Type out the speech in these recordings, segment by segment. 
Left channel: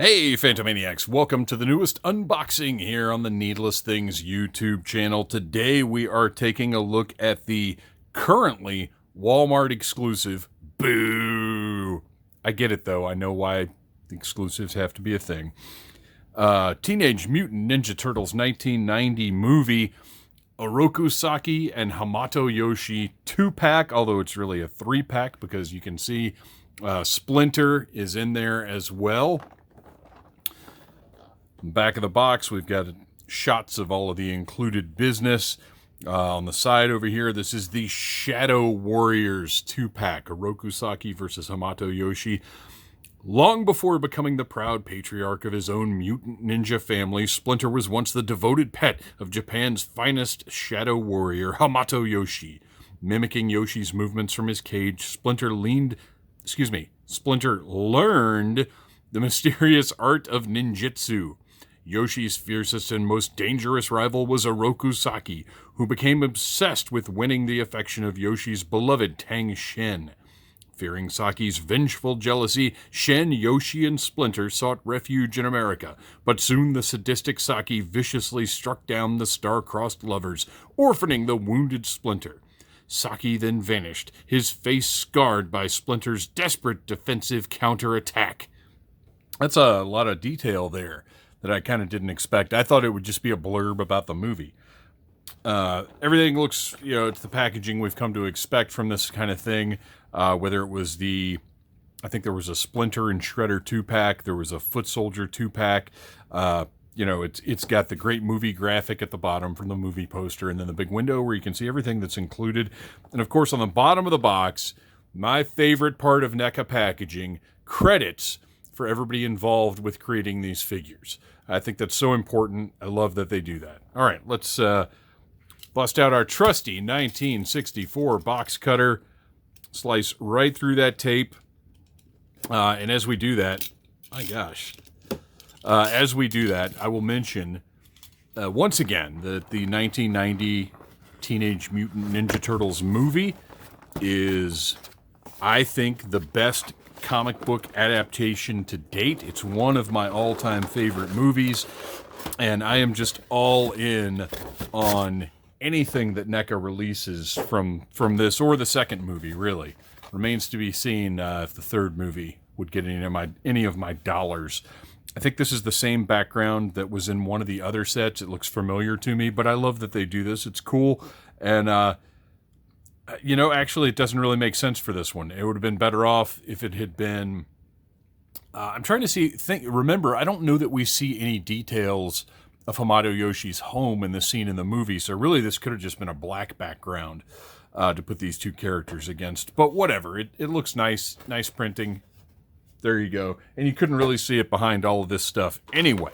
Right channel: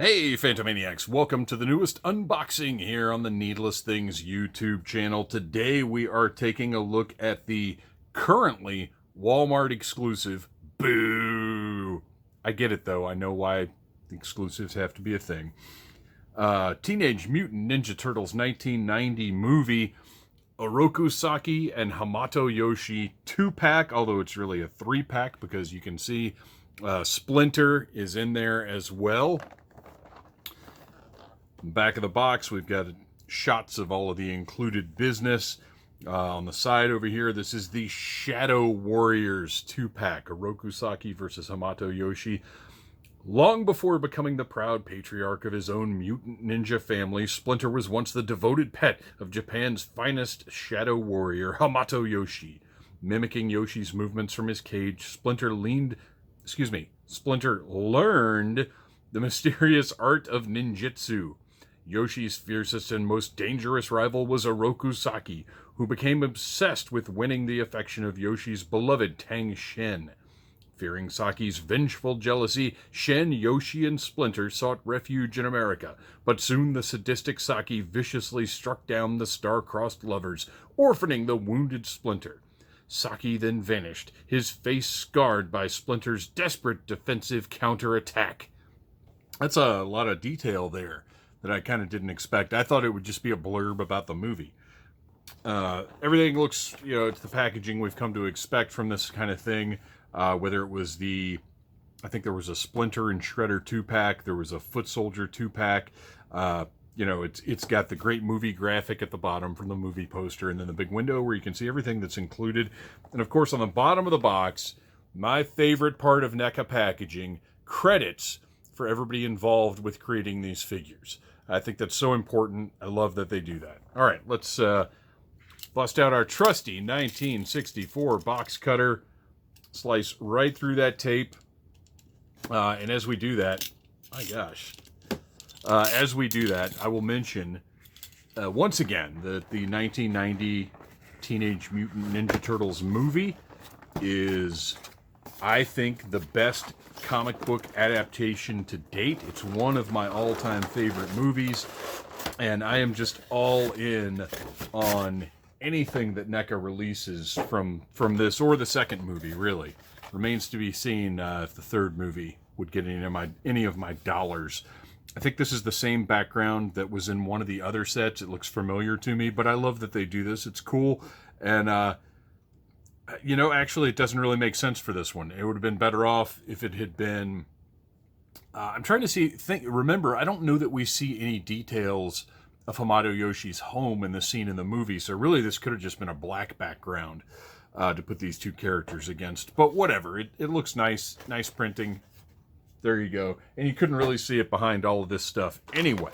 Hey Phantomaniacs, welcome to the newest unboxing here on the Needless Things YouTube channel. Today we are taking a look at the currently Walmart exclusive, boo! I get it though, I know why exclusives have to be a thing. Teenage Mutant Ninja Turtles 1990 movie, Oroku Saki and Hamato Yoshi 2-pack, although it's really a 3-pack because you can see Splinter is in there as well. Back of the box, we've got shots of all of the included business. On the side over here, this is the Shadow Warriors 2-pack, Oroku Saki versus Hamato Yoshi. Long before becoming the proud patriarch of his own mutant ninja family, Splinter was once the devoted pet of Japan's finest shadow warrior, Hamato Yoshi. Mimicking Yoshi's movements from his cage, Splinter learned the mysterious art of ninjutsu. Yoshi's fiercest and most dangerous rival was Oroku Saki, who became obsessed with winning the affection of Yoshi's beloved Tang Shen. Fearing Saki's vengeful jealousy, Shen, Yoshi, and Splinter sought refuge in America, but soon the sadistic Saki viciously struck down the star-crossed lovers, orphaning the wounded Splinter. Saki then vanished, his face scarred by Splinter's desperate defensive counterattack. That's a lot of detail there that I kind of didn't expect. I thought it would just be a blurb about the movie. Everything looks, it's the packaging we've come to expect from this kind of thing. Whether it was I think there was a Splinter and Shredder 2-pack, there was a Foot Soldier 2-pack. It's got the great movie graphic at the bottom from the movie poster, and then the big window where you can see everything that's included. And of course, on the bottom of the box, my favorite part of NECA packaging, credits for everybody involved with creating these figures. I think that's so important. I love that they do that. All right, let's bust out our trusty 1964 box cutter, slice right through that tape. And as we do that, as we do that, I will mention once again that the 1990 Teenage Mutant Ninja Turtles movie is, I think, the best comic book adaptation to date. It's one of my all-time favorite movies, and I am just all in on anything that NECA releases from this, or the second movie, really. Remains to be seen if the third movie would get any of my dollars. I think this is the same background that was in one of the other sets. It looks familiar to me, but I love that they do this. It's cool, and actually, it doesn't really make sense for this one. It would have been better off if it had been... I'm trying to remember, I don't know that we see any details of Hamato Yoshi's home in the scene in the movie, so really this could have just been a black background to put these two characters against. But whatever, it looks nice. Nice printing. There you go. And you couldn't really see it behind all of this stuff anyway.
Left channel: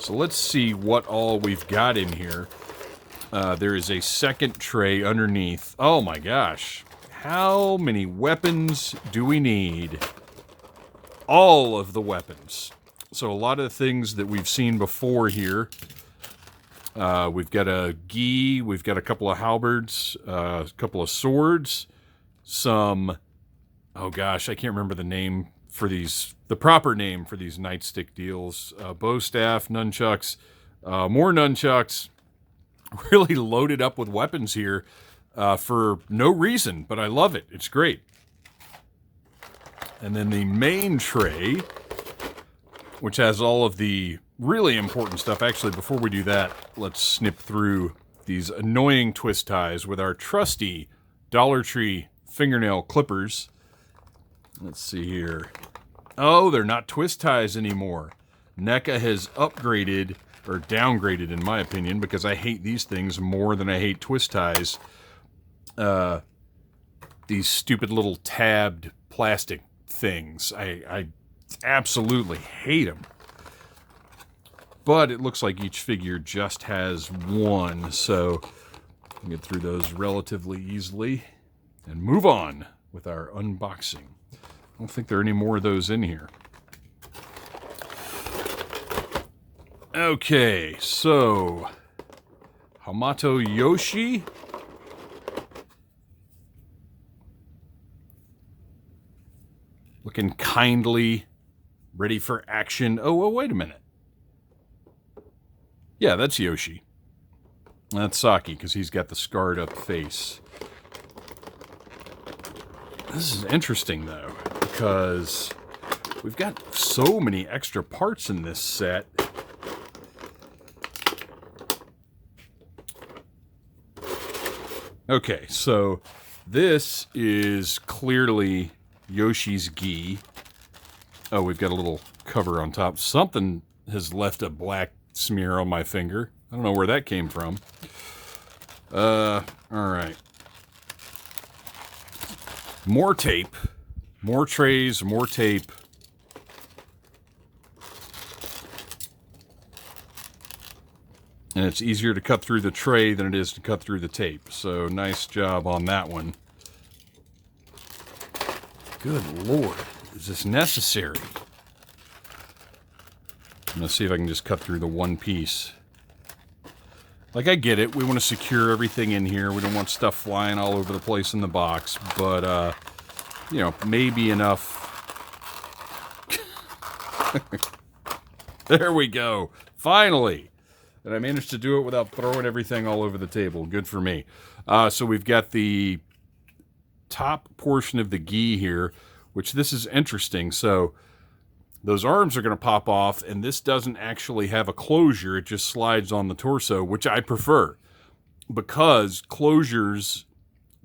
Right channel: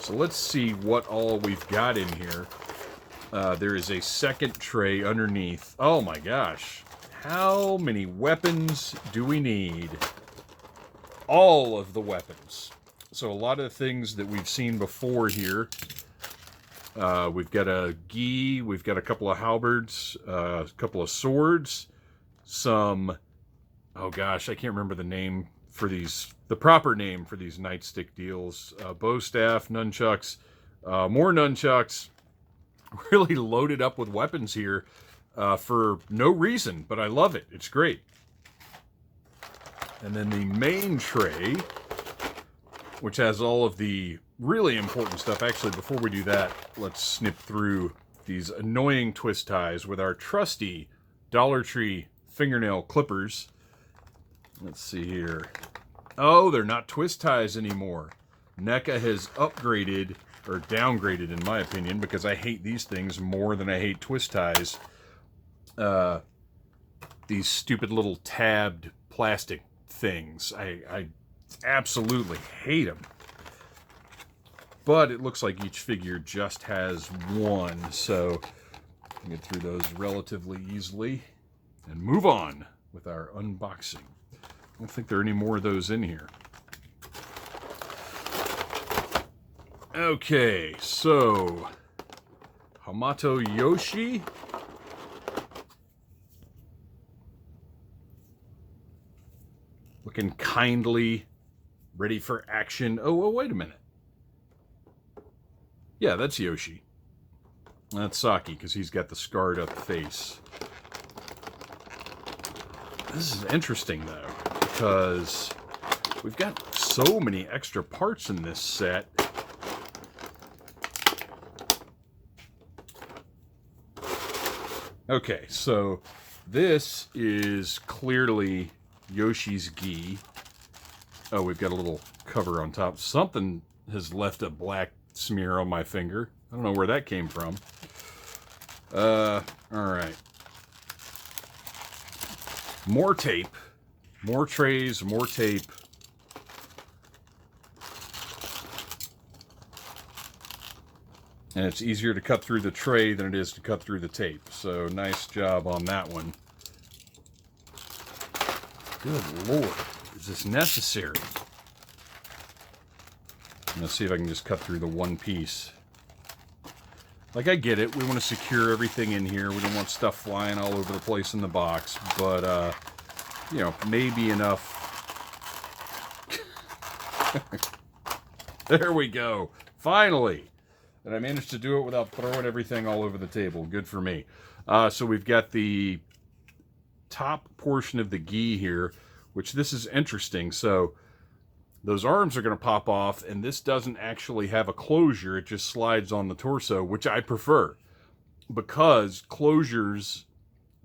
So let's see what all we've got in here. There is a second tray underneath. Oh my gosh. How many weapons do we need? All of the weapons. So a lot of things that we've seen before here. We've got a gi, we've got a couple of halberds, a couple of swords, some... Oh gosh, I can't remember the name for these... The proper name for these nightstick deals. Bow staff, nunchucks, more nunchucks. Really loaded up with weapons here for no reason, but I love it. It's great. And then the main tray, which has all of the really important stuff. Actually, before we do that, let's snip through these annoying twist ties with our trusty Dollar Tree fingernail clippers. Let's see here. Oh, they're not twist ties anymore. NECA has upgraded... or downgraded, in my opinion, because I hate these things more than I hate twist ties. These stupid little tabbed plastic things. I absolutely hate them. But it looks like each figure just has one, so I can get through those relatively easily and move on with our unboxing. I don't think there are any more of those in here. Okay, so Hamato Yoshi. Looking kindly ready for action. Oh, wait a minute. Yeah, that's Yoshi. That's Saki, because he's got the scarred up face. This is interesting, though, because we've got so many extra parts in this set. Okay, so this is clearly Yoshi's gi. Oh, we've got a little cover on top. Something has left a black smear on my finger. I don't know where that came from. All right. More tape. More trays, more tape. And it's easier to cut through the tray than it is to cut through the tape. So nice job on that one. Good Lord. Is this necessary? I'm going to see if I can just cut through the one piece. Like, I get it. We want to secure everything in here. We don't want stuff flying all over the place in the box. But, you know, maybe enough. There we go. Finally. And I managed to do it without throwing everything all over the table. Good for me. So we've got the top portion of the gi here, which this is interesting. So those arms are going to pop off, and this doesn't actually have a closure. It just slides on the torso, which I prefer, because closures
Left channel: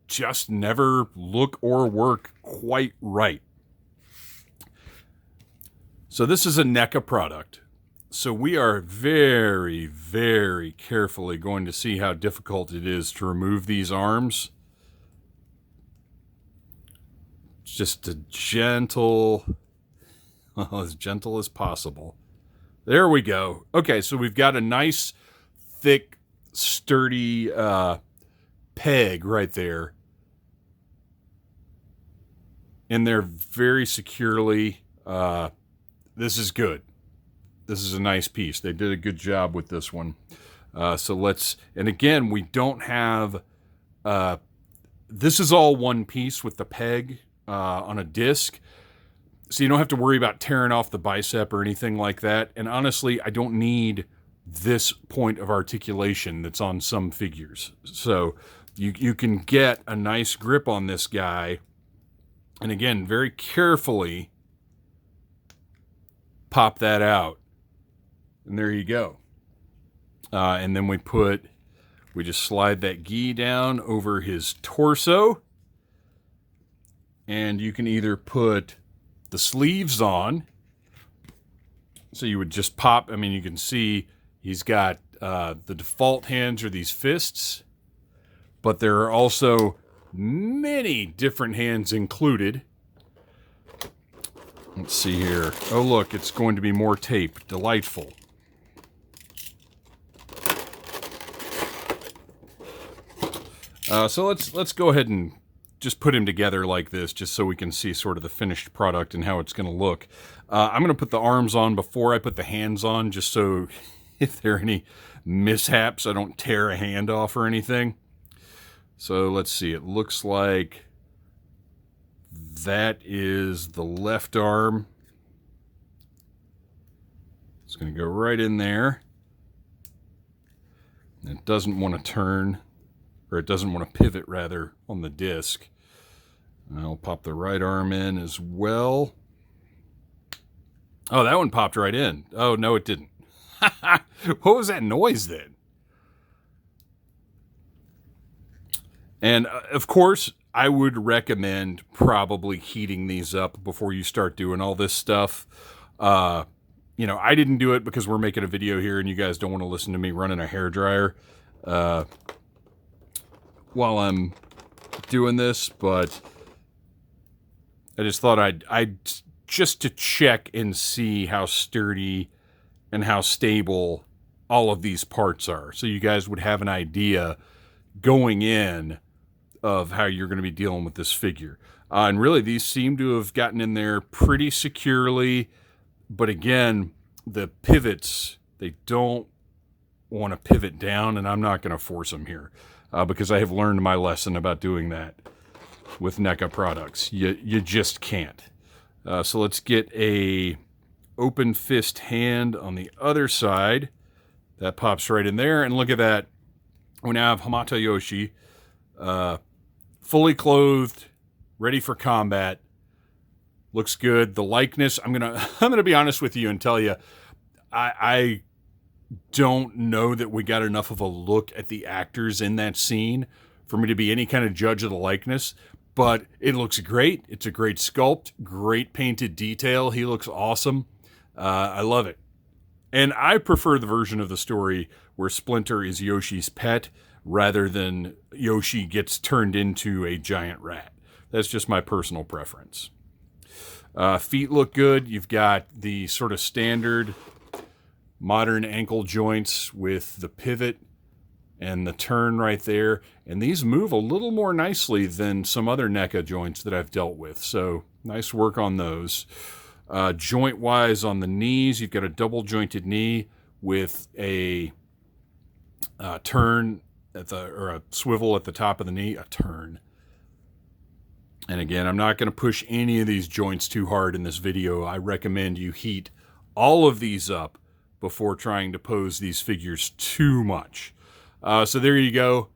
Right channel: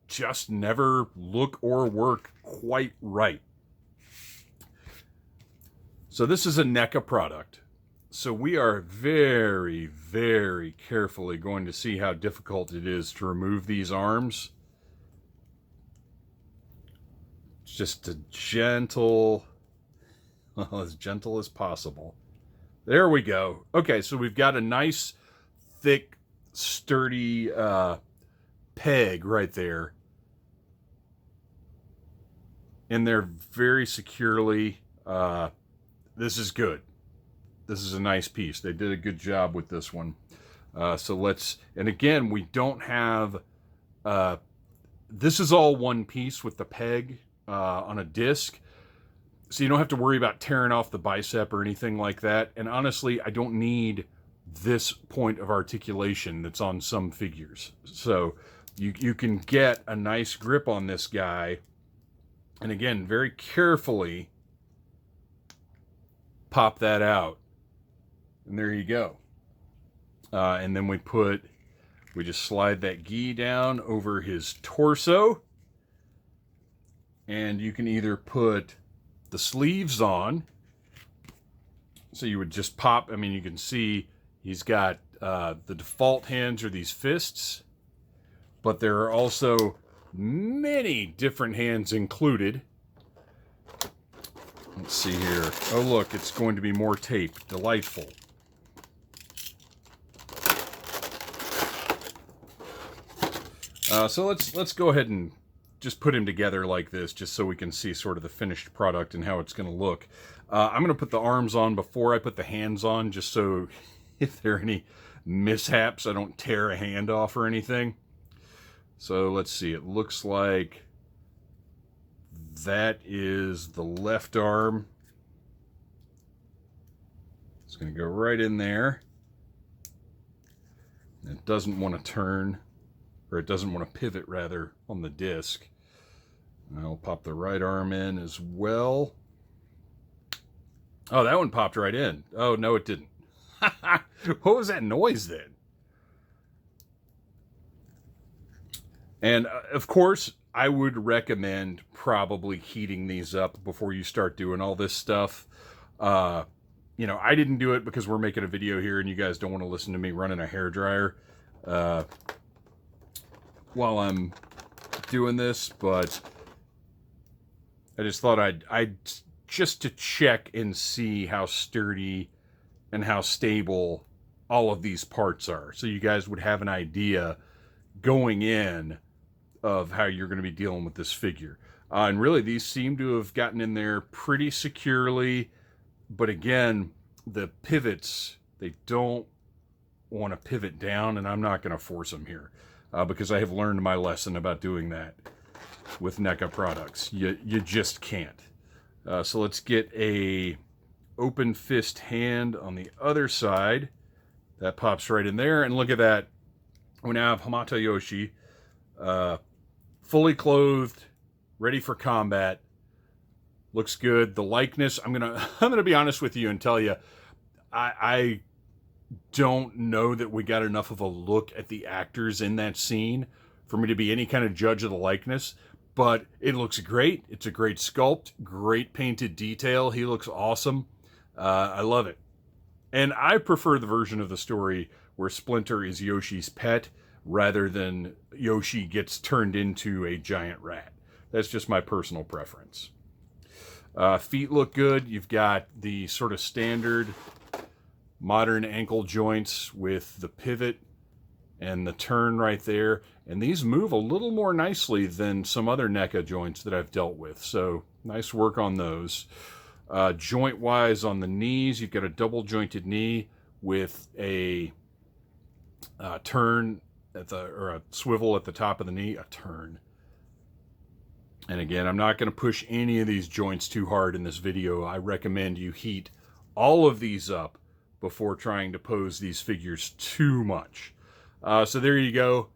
just never look or work quite right. So this is a NECA product. So we are very, very carefully going to see how difficult it is to remove these arms. It's just a gentle, well, as gentle as possible. There we go. Okay, so we've got a nice, thick, sturdy peg right there. In there very securely. This is good. This is a nice piece. They did a good job with this one. So let's, and again, we don't have, this is all one piece with the peg on a disc. So you don't have to worry about tearing off the bicep or anything like that. And honestly, I don't need this point of articulation that's on some figures. So you can get a nice grip on this guy. And again, very carefully pop that out. And there you go. And then we just slide that gi down over his torso. And you can either put the sleeves on. So you would just pop, I mean, you can see he's got the default hands are these fists. But there are also many different hands included. Let's see here. Oh, look, it's going to be more tape. Delightful. So let's go ahead and just put him together like this, just so we can see sort of the finished product and how it's going to look. I'm going to put the arms on before I put the hands on, just so if there are any mishaps, I don't tear a hand off or anything. So let's see. It looks like that is the left arm. It's going to go right in there. And it doesn't want to turn. Or it doesn't want to pivot, rather, on the disc. And I'll pop the right arm in as well. Oh, that one popped right in. Oh, no, it didn't. What was that noise then? And, of course, I would recommend probably heating these up before you start doing all this stuff. You know, I didn't do it because we're making a video here and you guys don't want to listen to me running a hairdryer. While I'm doing this, but I just thought I'd just to check and see how sturdy and how stable all of these parts are, so you guys would have an idea going in of how you're going to be dealing with this figure. And really, these seem to have gotten in there pretty securely, but again, the pivots, they don't want to pivot down, and I'm not going to force them here. Because I have learned my lesson about doing that with NECA products. You just can't. So let's get a open fist hand on the other side. That pops right in there. And look at that. We now have Hamato Yoshi, fully clothed, ready for combat. Looks good. The likeness, I'm gonna be honest with you and tell you, I don't know that we got enough of a look at the actors in that scene for me to be any kind of judge of the likeness. But it looks great. It's a great sculpt, great painted detail. He looks awesome. I love it. And I prefer the version of the story where Splinter is Yoshi's pet rather than Yoshi gets turned into a giant rat. That's just my personal preference. Feet look good. You've got the sort of standard modern ankle joints with the pivot and the turn right there. And these move a little more nicely than some other NECA joints that I've dealt with. So nice work on those. Joint-wise on the knees, you've got a double-jointed knee with a turn or a swivel at the top of the knee. A turn. And again, I'm not going to push any of these joints too hard in this video. I recommend you heat all of these up before trying to pose these figures too much. So there you go.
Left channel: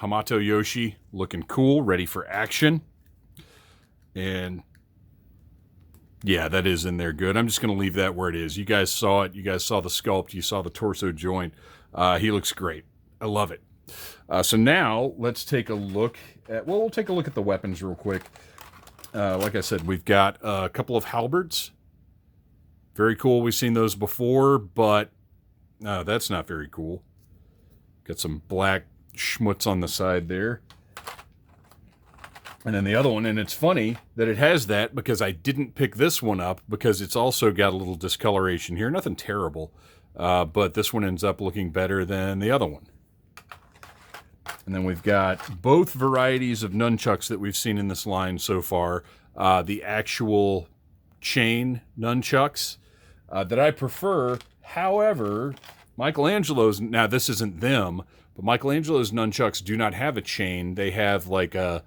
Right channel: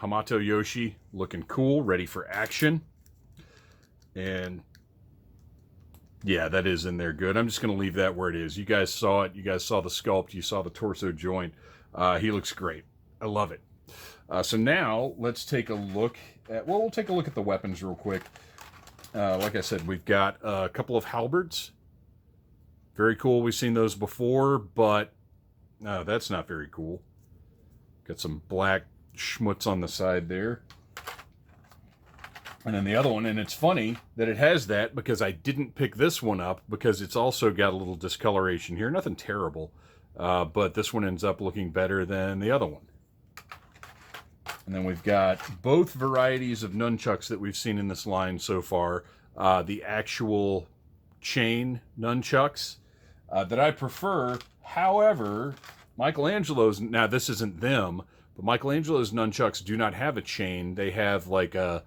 Hamato Yoshi looking cool, ready for action. And yeah, that is in there good. I'm just going to leave that where it is. You guys saw it. You guys saw the sculpt. You saw the torso joint. He looks great. I love it. So now let's take a look at, well, we'll take a look at the weapons real quick. Like I said, we've got a couple of halberds. Very cool. We've seen those before, but that's not very cool. Got some black schmutz on the side there. And then the other one, and it's funny that it has that because I didn't pick this one up because it's also got a little discoloration here. Nothing terrible, but this one ends up looking better than the other one. And then we've got both varieties of nunchucks that we've seen in this line so far. The actual chain nunchucks that I prefer. However, Michelangelo's, now this isn't them, but Michelangelo's nunchucks do not have a chain. They have like a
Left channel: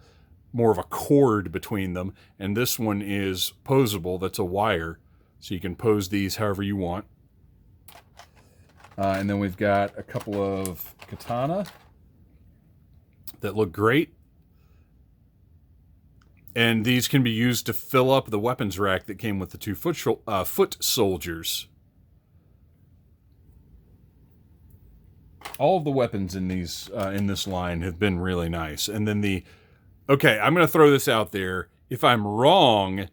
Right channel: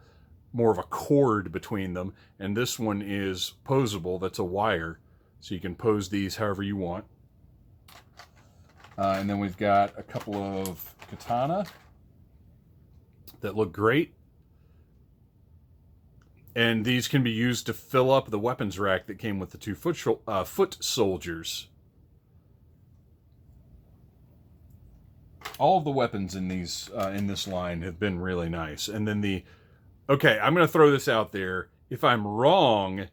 more of a cord between them. And this one is posable. That's a wire. So you can pose these however you want. And then we've got a couple of katana that look great. And these can be used to fill up the weapons rack that came with the two foot soldiers. All of the weapons in these in this line have been really nice. And then the, okay, I'm going to throw this out there. If I'm wrong,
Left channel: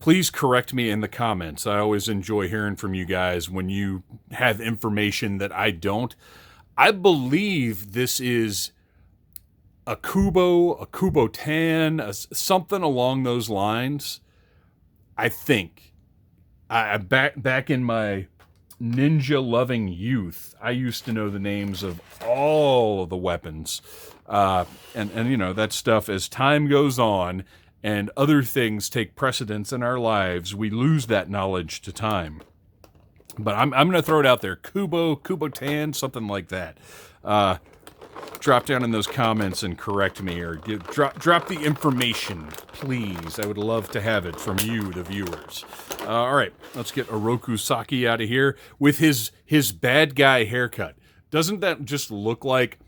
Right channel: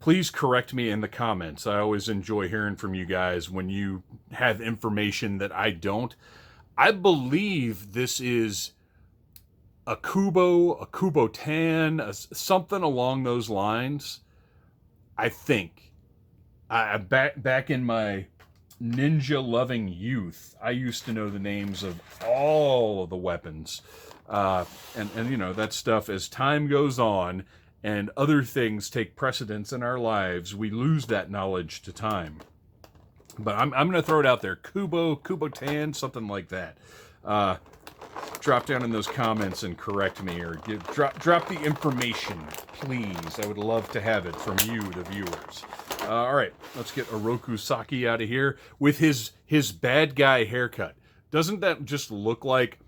please correct me in the comments. I always enjoy hearing from you guys when you have information that I don't. I believe this is a Kubo Tan, something along those lines. I think. Back in my ninja-loving youth, I used to know the names of all of the weapons. And you know, that stuff, as time goes on and other things take precedence in our lives, we lose that knowledge to time. But I'm going to throw it out there. Kubo Tan, something like that. Drop down in those comments and correct me, or drop the information, please. I would love to have it from you, the viewers. All right, let's get Oroku Saki out of here with his bad guy haircut. Doesn't that just look like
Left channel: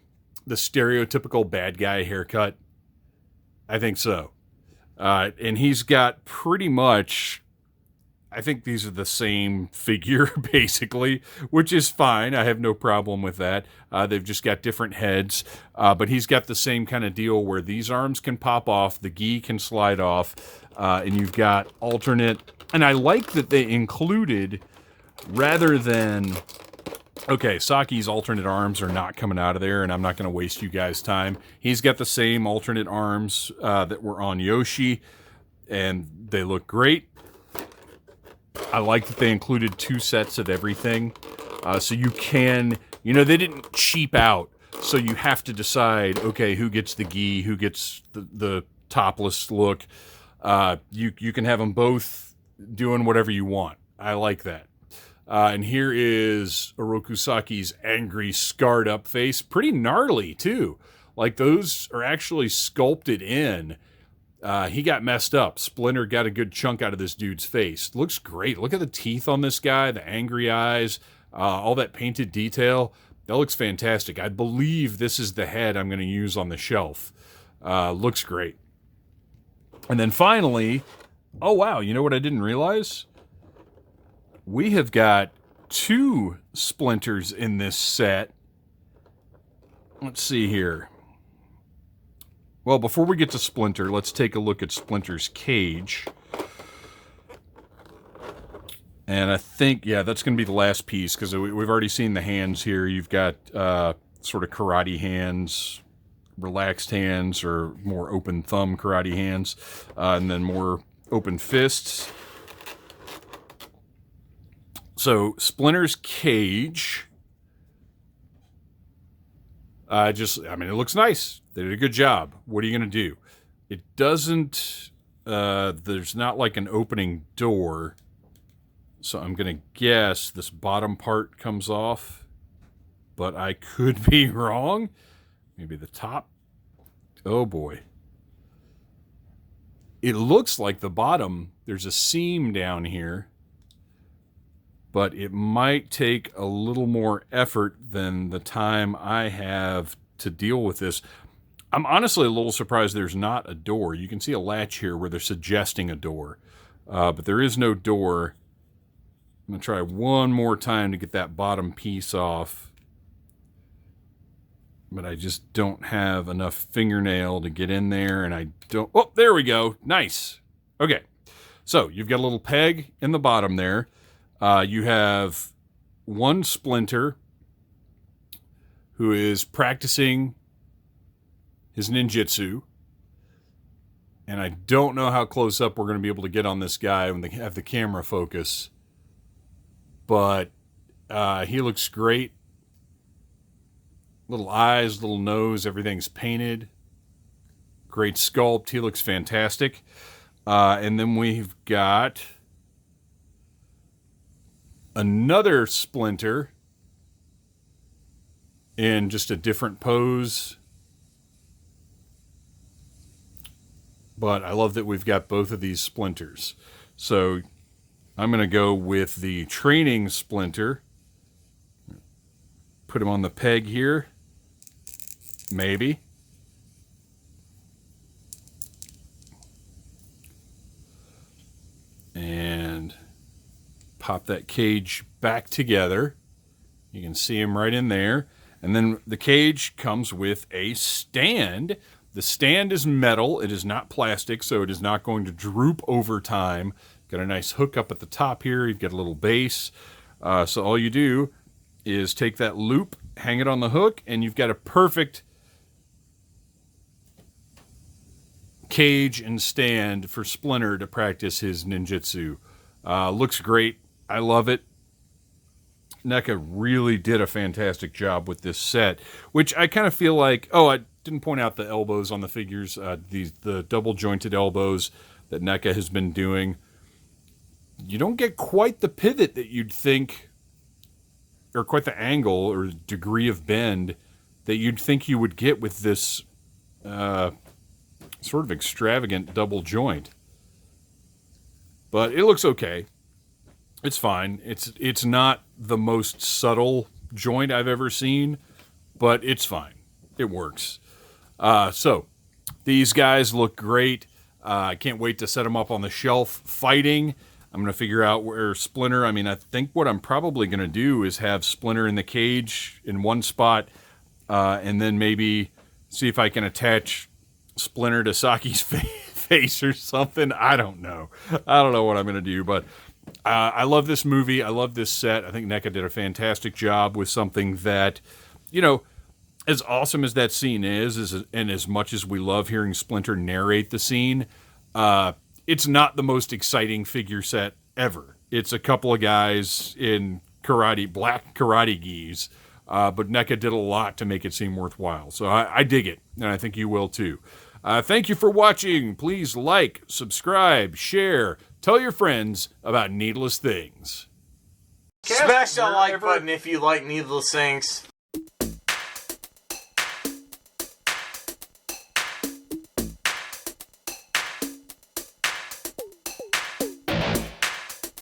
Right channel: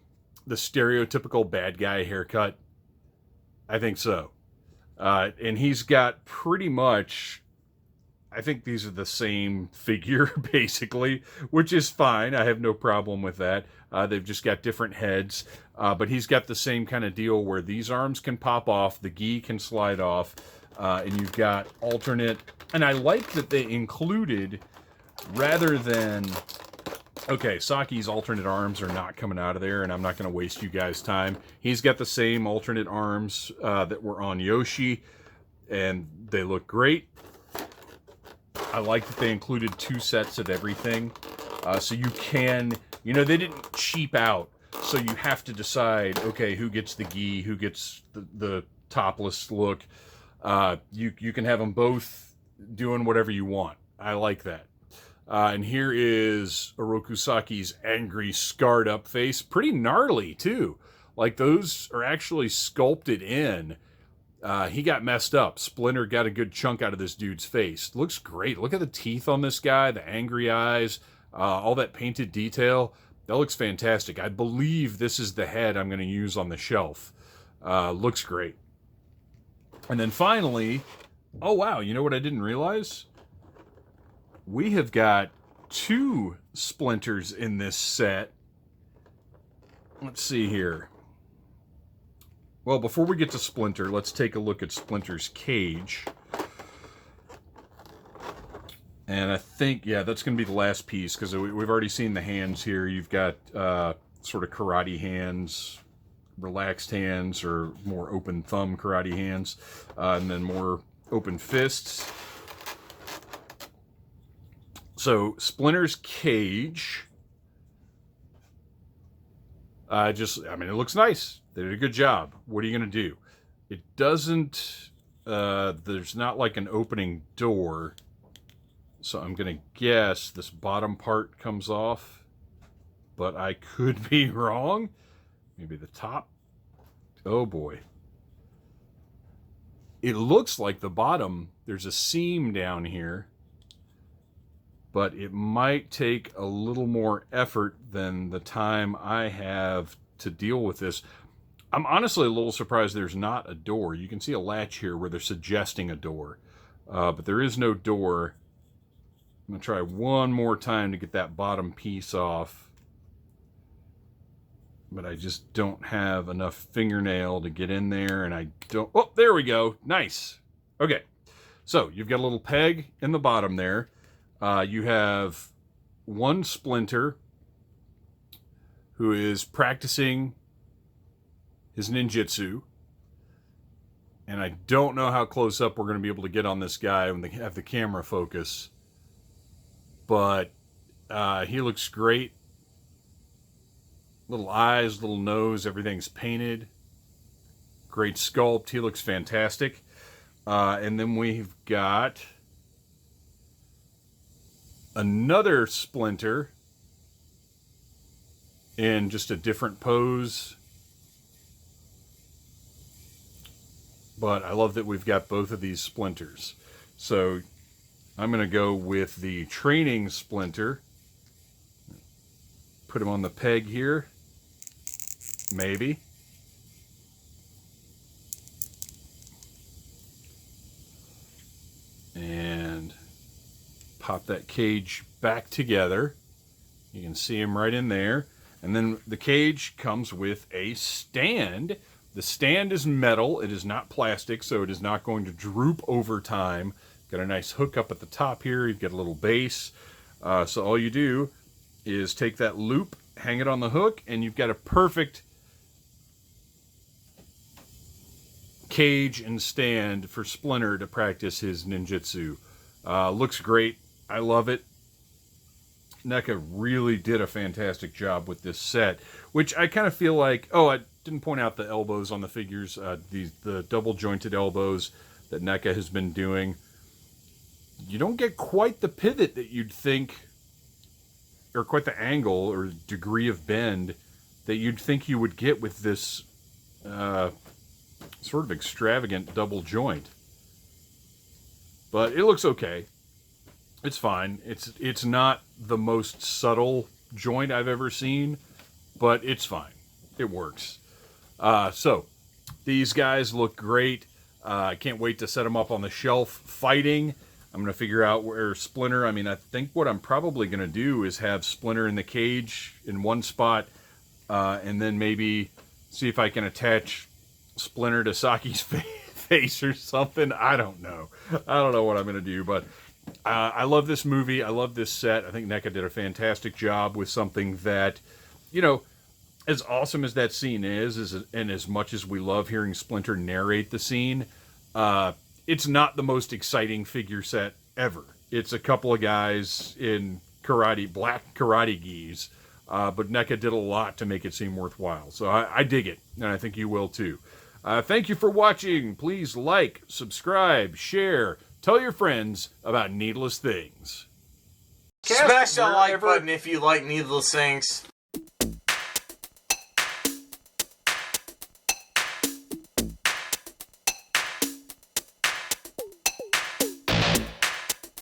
the stereotypical bad guy haircut? I think so. And he's got pretty much, I think these are the same figure, basically, which is fine. I have no problem with that. They've just got different heads. But he's got the same kind of deal where these arms can pop off, the gi can slide off, and you've got alternate. And I like that they included, rather than, okay, Saki's alternate arms are not coming out of there, and I'm not going to waste you guys' time. He's got the same alternate arms that were on Yoshi, and they look great. I like that they included 2 sets of everything. So you can, you know, they didn't cheap out. So you have to decide, okay, who gets the gi, who gets the topless look. You can have them both doing whatever you want. I like that. And here is Oroku Saki's angry, scarred up face. Pretty gnarly, too. Like, those are actually sculpted in. He got messed up. Splinter got a good chunk out of this dude's face. Looks great. Look at the teeth on this guy, the angry eyes, all that painted detail. That looks fantastic. I believe this is the head I'm going to use on the shelf. Looks great. And then finally, oh wow, you know what I didn't realize? We have got 2 Splinters in this set. Let's see here. Well, before we get to Splinter, let's take a look at Splinter's cage. And I think, yeah, that's going to be the last piece, because we've already seen the hands here. You've got sort of karate hands, relaxed hands, or more open thumb karate hands, and then more open fists. So, Splinter's cage, I mean, it looks nice. They did a good job. What are you going to do? It doesn't, there's not like an opening door. So I'm going to guess this bottom part comes off. But I could be wrong. Maybe the top. Oh boy. It looks like the bottom, there's a seam down here. But it might take a little more effort than the time I have to deal with this. I'm honestly a little surprised there's not a door. You can see a latch here where they're suggesting a door. But there is no door. I'm going to try one more time to get that bottom piece off. But I just don't have enough fingernail to get in there, and I don't... Oh, there we go. Nice. Okay. So, you've got a little peg in the bottom there. You have one Splinter who is practicing his ninjutsu. And I don't know how close up we're going to be able to get on this guy when they have the camera focus. But he looks great. Little eyes, little nose, everything's painted. Great sculpt. He looks fantastic. And then we've got another Splinter in just a different pose. But I love that we've got both of these Splinters. So I'm going to go with the training Splinter. Put him on the peg here. Maybe. And pop that cage back together. You can see him right in there. And then the cage comes with a stand. The stand is metal. It is not plastic, so it is not going to droop over time. Got a nice hook up at the top here. You've got a little base. So all you do is take that loop, hang it on the hook, and you've got a perfect cage and stand for Splinter to practice his ninjutsu. Looks great. I love it. NECA really did a fantastic job with this set, which I kind of feel like, oh, I didn't point out the elbows on the figures, the double jointed elbows that NECA has been doing. You don't get quite the pivot that you'd think, or quite the angle or degree of bend that you'd think you would get with this sort of extravagant double joint. But it looks okay. It's fine. It's not the most subtle joint I've ever seen, but it's fine. It works. So, these guys look great. I can't wait to set them up on the shelf fighting. I'm going to figure out where Splinter... I mean, I think what I'm probably going to do is have Splinter in the cage in one spot, and then maybe see if I can attach Splinter to Saki's face or something. I don't know. I don't know what I'm going to do, but I love this movie. I love this set. I think NECA did a fantastic job with something that, you know, as awesome as that scene is, and as much as we love hearing Splinter narrate the scene, it's not the most exciting figure set ever. It's a couple of guys in black karate gis, but NECA did a lot to make it seem worthwhile. So I dig it, and I think you will too. Thank you for watching. Please like, subscribe, share, tell your friends about needless things. Smash that like button if you like needless things.